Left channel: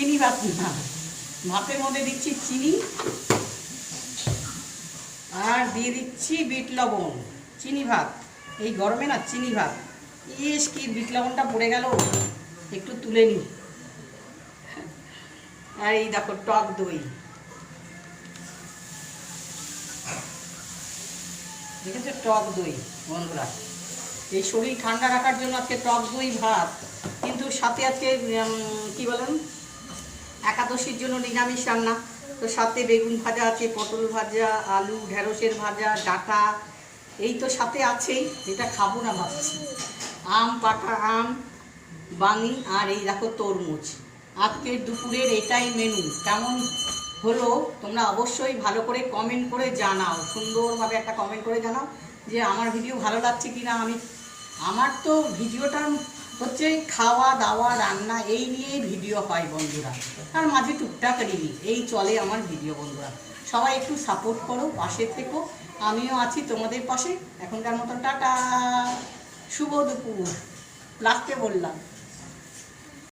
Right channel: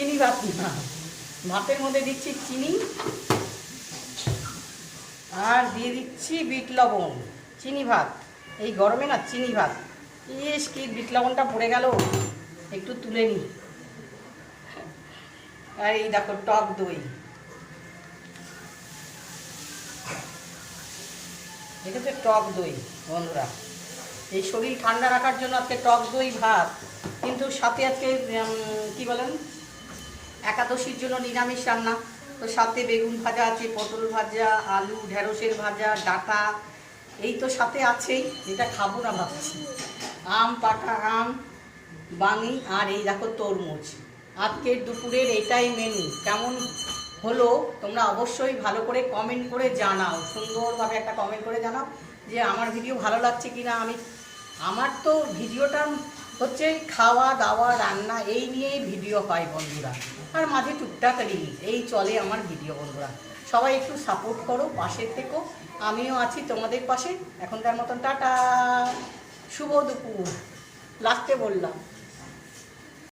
চিনি ভাত না, ভাতের মধ্যে দিচ্ছি চিনি আর দিয়ে দিচ্ছি বিট লবণ। চিনি ভাত, এই গরমে না চিনি ভাত, ইস কি বিট লবণটা পড়ে গেল, একটু তুলে নিই। আর এই দেখো টক দই, দেখেছো টক দই বন্ধুরা, এই শরীর ঠান্ডা রাখার জন্য আজকে টক দই ভাত। কিন্তু সাথে আজকে কী বলেন, একাদশীর জন্য নিরামিষ রান্না, তো সাথে বেগুন ভাজা আছে, পটল ভাজা, আলু ঢেঁড়সের ভাজা, ডাঁটা, এই তো সাথে আছেই। যেটা খাবো না ভাবছি আম, পাকা আম, বাঙি, আর এই দেখো তরমুজ। আজকের দুপুরের এটাই মেনু। কেমন হলো তোমরা অবশ্যই ভালো করে কমেন্ট করে জানাও, সুন্দরভাবে একটা কমেন্ট করে জানাও যে আমার ভিডিও ভালো লাগছে কিনা। আমার তো ভিডিওটা হচ্ছে খাওয়া দাওয়া রান্না এই নিয়েই ভিডিও হয় বন্ধুরা, আর মাঝে টুকটাক রিল, এই চলে আমার ভিডিও বন্ধুরা। সবাই একটু সাপোর্ট করো, পাশে থেকো, আমিও আছি তোমাদের পাশে। এখনকার মতন টাটা, শুভ দুপুর, লাস্টে বললাম।